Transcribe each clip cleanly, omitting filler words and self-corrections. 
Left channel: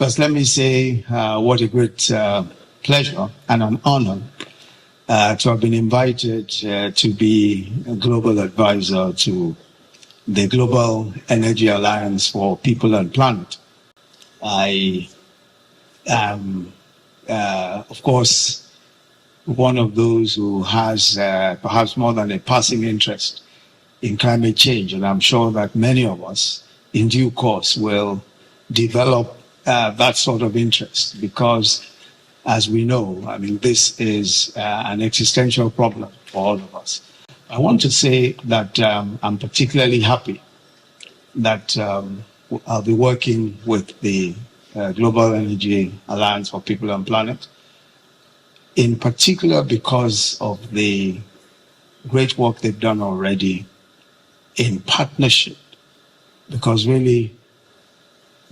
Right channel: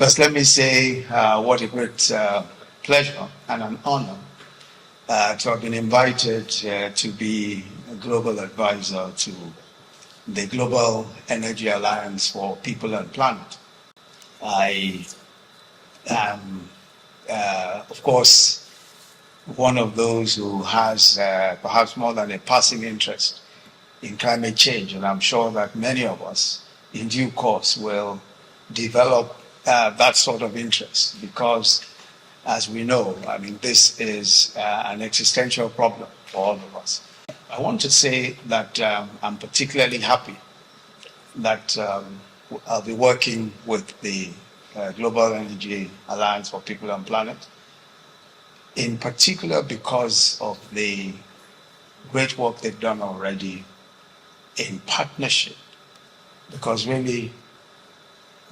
First, let me say what a great pleasure and an honor to have been invited to be a global advisor to the Global Energy Alliance for People and Planet. I am, of course, one of those who has perhaps more than a passing interest in climate change, and I'm sure that many of us in due course will develop that sort of interest because, as we know, I mean, this is an existential problem for all of us. I want to say that I'm particularly happy that I'll be working with the Global Energy Alliance for People and Planet, in particular because of the great work they've done already in partnership, because really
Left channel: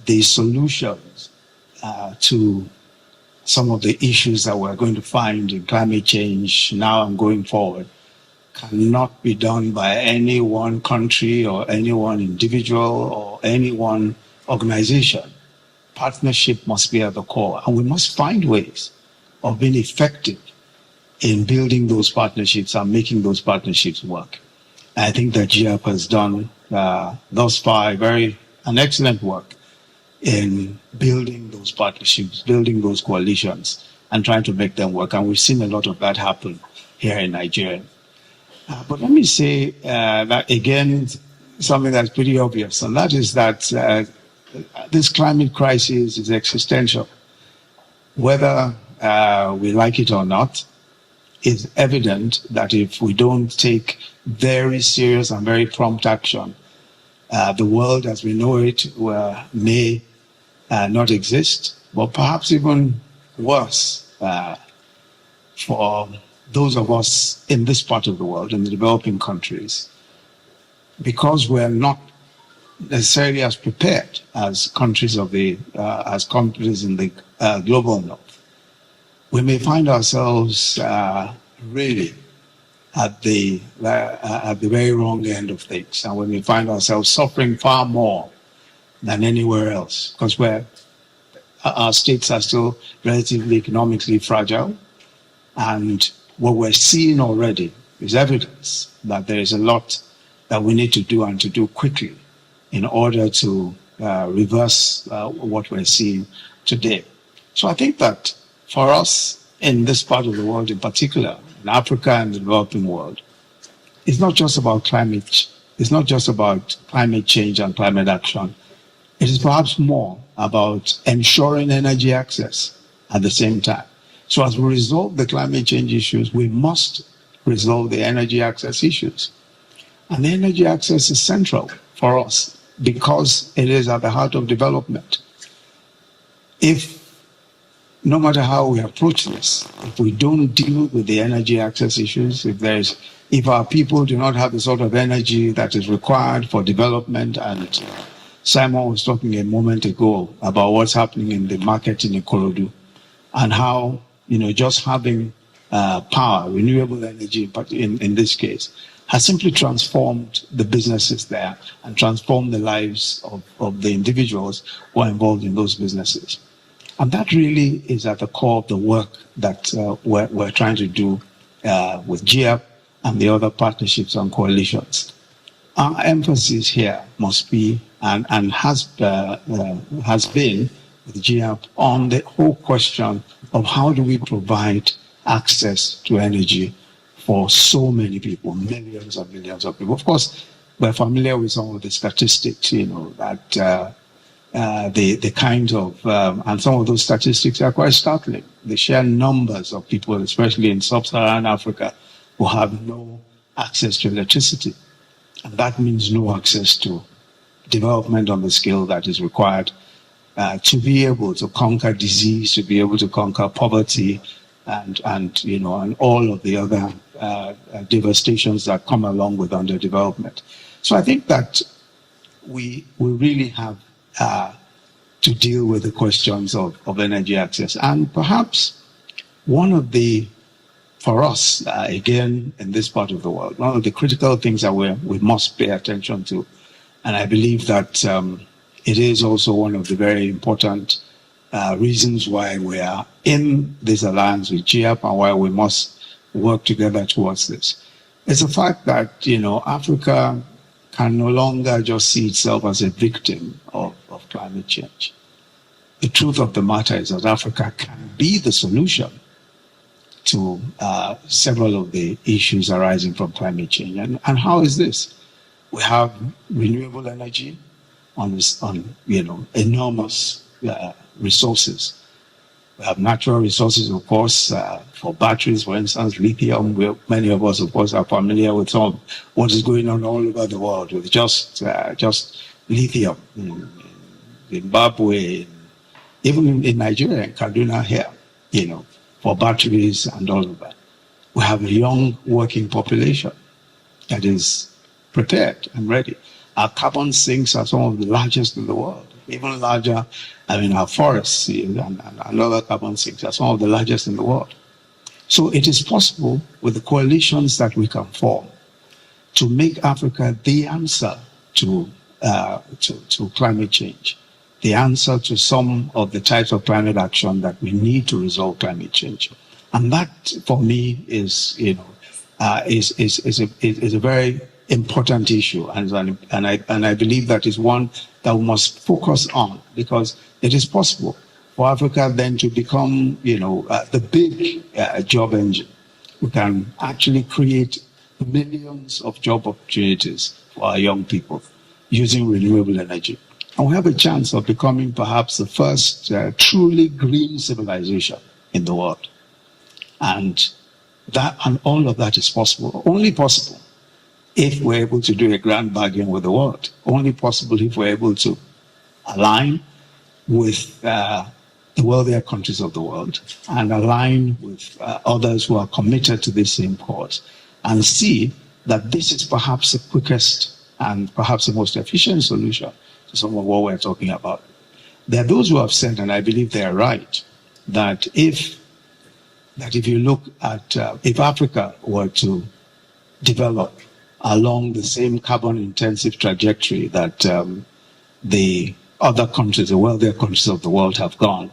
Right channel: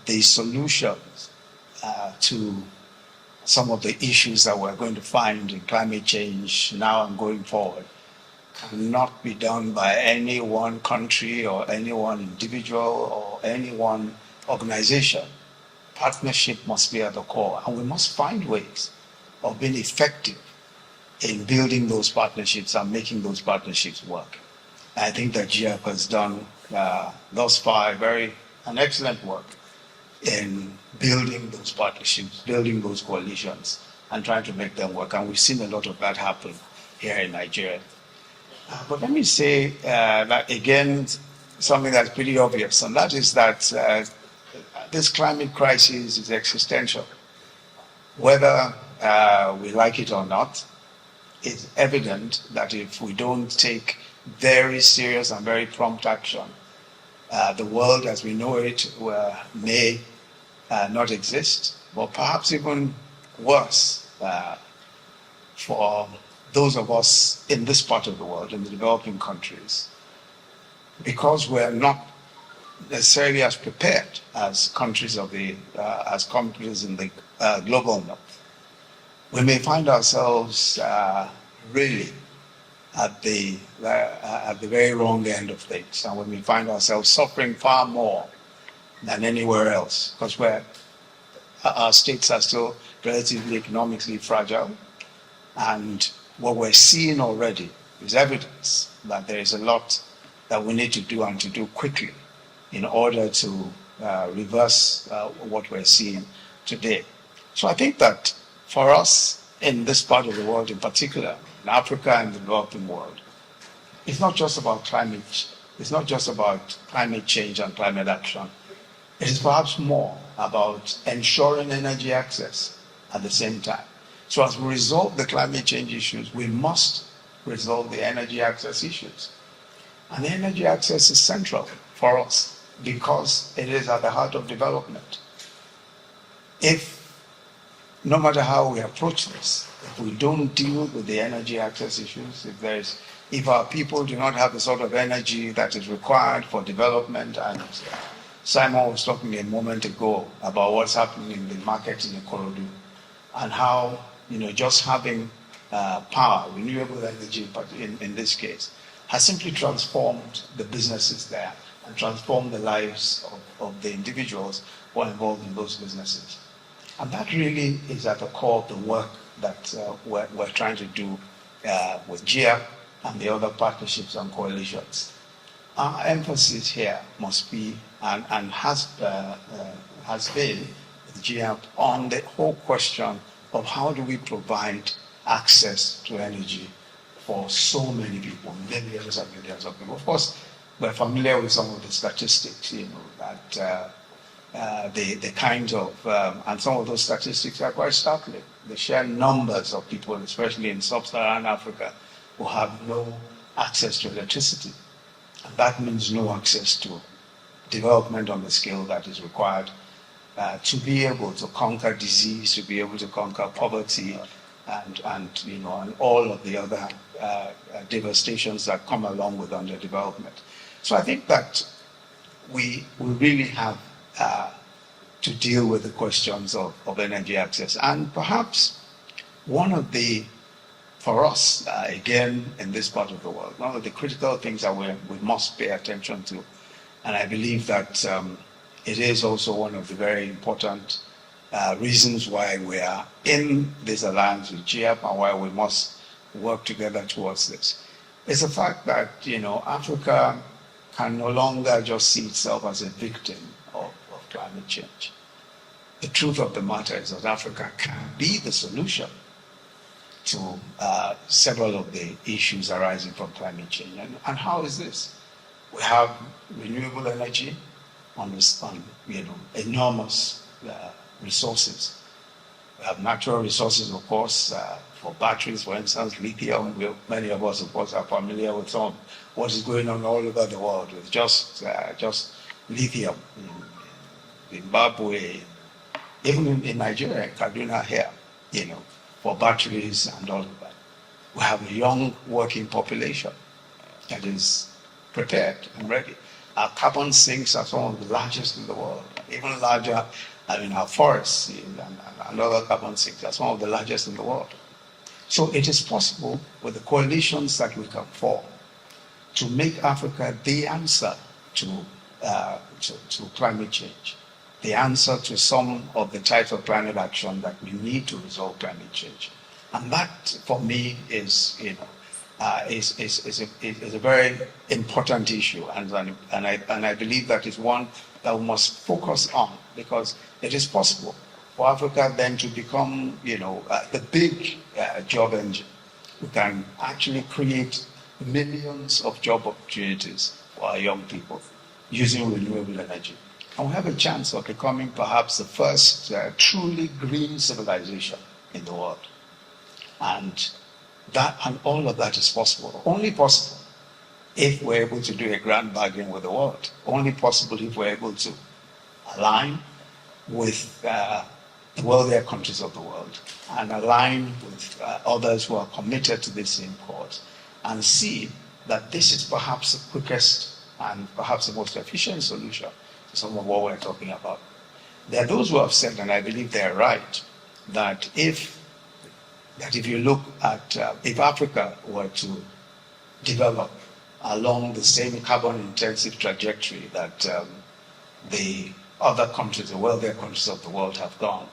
the solutions to some of the issues that we're going to find in climate change now and going forward cannot be done by any one country or any one individual or any one organization. Partnership must be at the core, and we must find ways of being effective in building those partnerships and making those partnerships work. I think that GEAPP has done thus far an excellent work in building those partnerships, building those coalitions, and trying to make them work. And we've seen a lot of that happen here in Nigeria. But let me say that again, something that's pretty obvious, and that is that this climate crisis is existential. Whether we like it or not, it's evident that if we don't take very serious and very prompt action, the world as we know it may not exist, but perhaps even worse for those of us in this part of the world, in the developing countries, because we're not necessarily as prepared as countries in the global north. We may find ourselves really at the very wrong end of things, and we may find ourselves suffering far more than anywhere else, because our states are still relatively economically fragile, and what we're seeing already is evidence that there is a lot that we need to do, and to do quickly, in order to reverse what we're seeing today. So I think that for us in this part of the world in particular, in Africa and the developing world, it's not just about climate. It's not just about climate change and climate action. It is perhaps more about ensuring energy access at the same time. So as we resolve the climate change issues, we must resolve the energy access issues. And the energy access is central for us because it is at the heart of development. No matter how we approach this, if we don't deal with the energy access issues, if our people do not have the sort of energy that is required for development, and Simon was talking a moment ago about what's happening in the market in Ikorodu, and how just having power, renewable energy, but in this case, has simply transformed the businesses there and transformed the lives of the individuals who are involved in those businesses. And that really is at the core of the work that we're trying to do with GEAPP and the other partnerships and coalitions. Our emphasis here must be, and has been with GEAPP, on the whole question of how do we provide access to energy for so many people, millions and millions of people. Of course, we're familiar with some of the statistics, that the kinds of, and some of those statistics are quite startling. The sheer numbers of people, especially in sub-Saharan Africa, who have no access to electricity. And that means no access to development on the scale that is required to be able to conquer disease, to be able to conquer poverty, and all of the other devastations that come along with underdevelopment. So I think that we really have to deal with the questions of energy access. And perhaps one of the, for us, again, in this part of the world, one of the critical things that we must pay attention to, and I believe that it is also one of the very important reasons why we are in this alliance with GEAPP and why we must work together towards this. It's the fact that, Africa can no longer just see itself as a victim of climate change. The truth of the matter is that Africa can be the solution to several of the issues arising from climate change. And how is this? We have renewable energy on enormous resources. We have natural resources, of course, for batteries, for instance, lithium. Many of us, of course, are familiar with some of what is going on all over the world with just lithium in Zimbabwe, even in Nigeria, in Kaduna here, for batteries and all of that. We have a young working population that is prepared and ready. Our carbon sinks are some of the largest in the world, even larger. Our forests and other carbon sinks are some of the largest in the world. So it is possible with the coalitions that we can form to make Africa the answer to climate change, the answer to some of the types of climate action that we need to resolve climate change. And that, for me, is a very important issue, and I believe that is one that we must focus on, because it is possible for Africa then to become, the big job engine. We can actually create millions of job opportunities for our young people using renewable energy. And we have a chance of becoming perhaps the first truly green civilization in the world. And all of that is possible, only possible if we're able to do a grand bargain with the world, only possible if we're able to align with the wealthier countries of the world and align with others who are committed to this same cause and see that this is perhaps the quickest and perhaps the most efficient solution to some of what we're talking about. There are those who have said, and I believe they are right, that if you look at, if Africa were to develop along the same carbon-intensive trajectory that the other countries, the wealthier countries of the world have gone,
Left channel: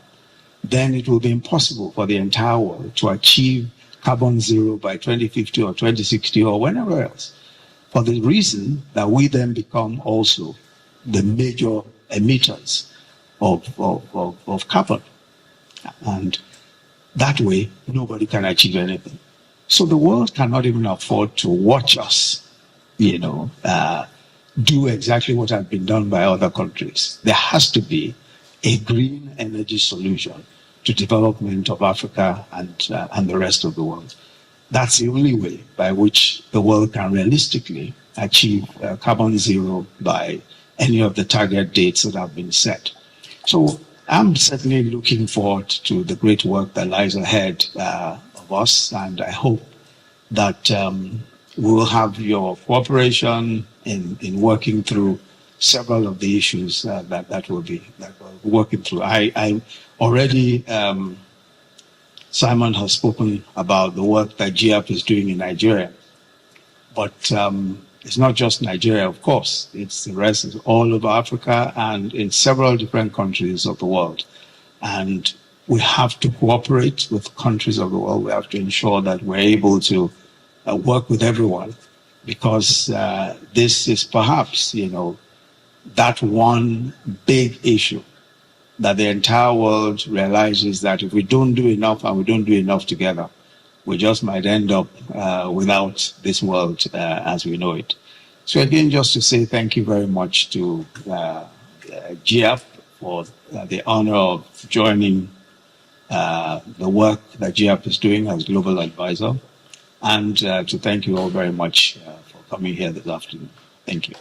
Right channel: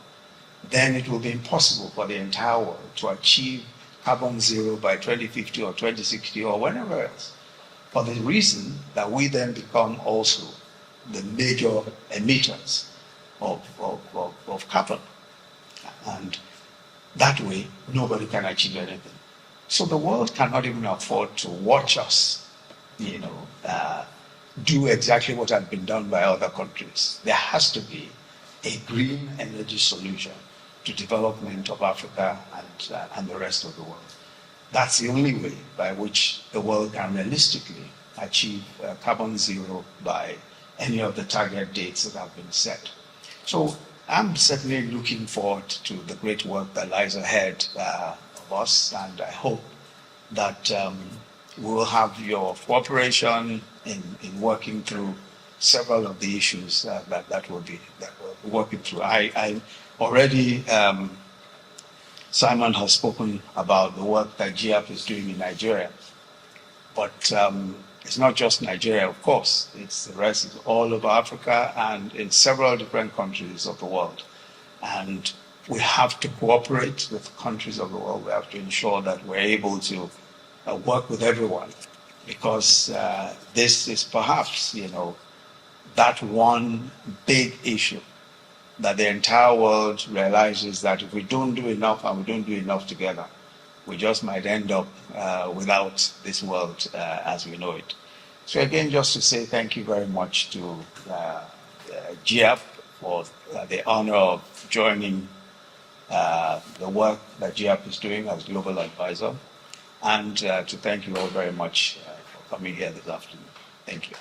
then it will be impossible for the entire world to achieve carbon zero by 2050 or 2060 or whenever else, for the reason that we then become also the major emitters of carbon. And that way, nobody can achieve anything. So the world cannot even afford to watch us, do exactly what has been done by other countries. There has to be a green energy solution to development of Africa and the rest of the world. That's the only way by which the world can realistically achieve carbon zero by any of the target dates that have been set. So I'm certainly looking forward to the great work that lies ahead of us, and I hope that we will have your cooperation in working through several of the issues that we're working through. I already, Simon has spoken about the work that GEAPP is doing in Nigeria, but it's not just Nigeria, of course. It's the rest, it's all over Africa and in several different countries of the world. And we have to cooperate with countries of the world. We have to ensure that we're able to work with everyone, because this is perhaps, that one big issue that the entire world realizes that if we don't do enough and we don't do enough together, we just might end up without this world as we know it. So again, just to say thank you very much to GEAPP for the honor of joining the work that GEAPP is doing as global advisor, and to thank you all very much for coming here this afternoon. Thank you.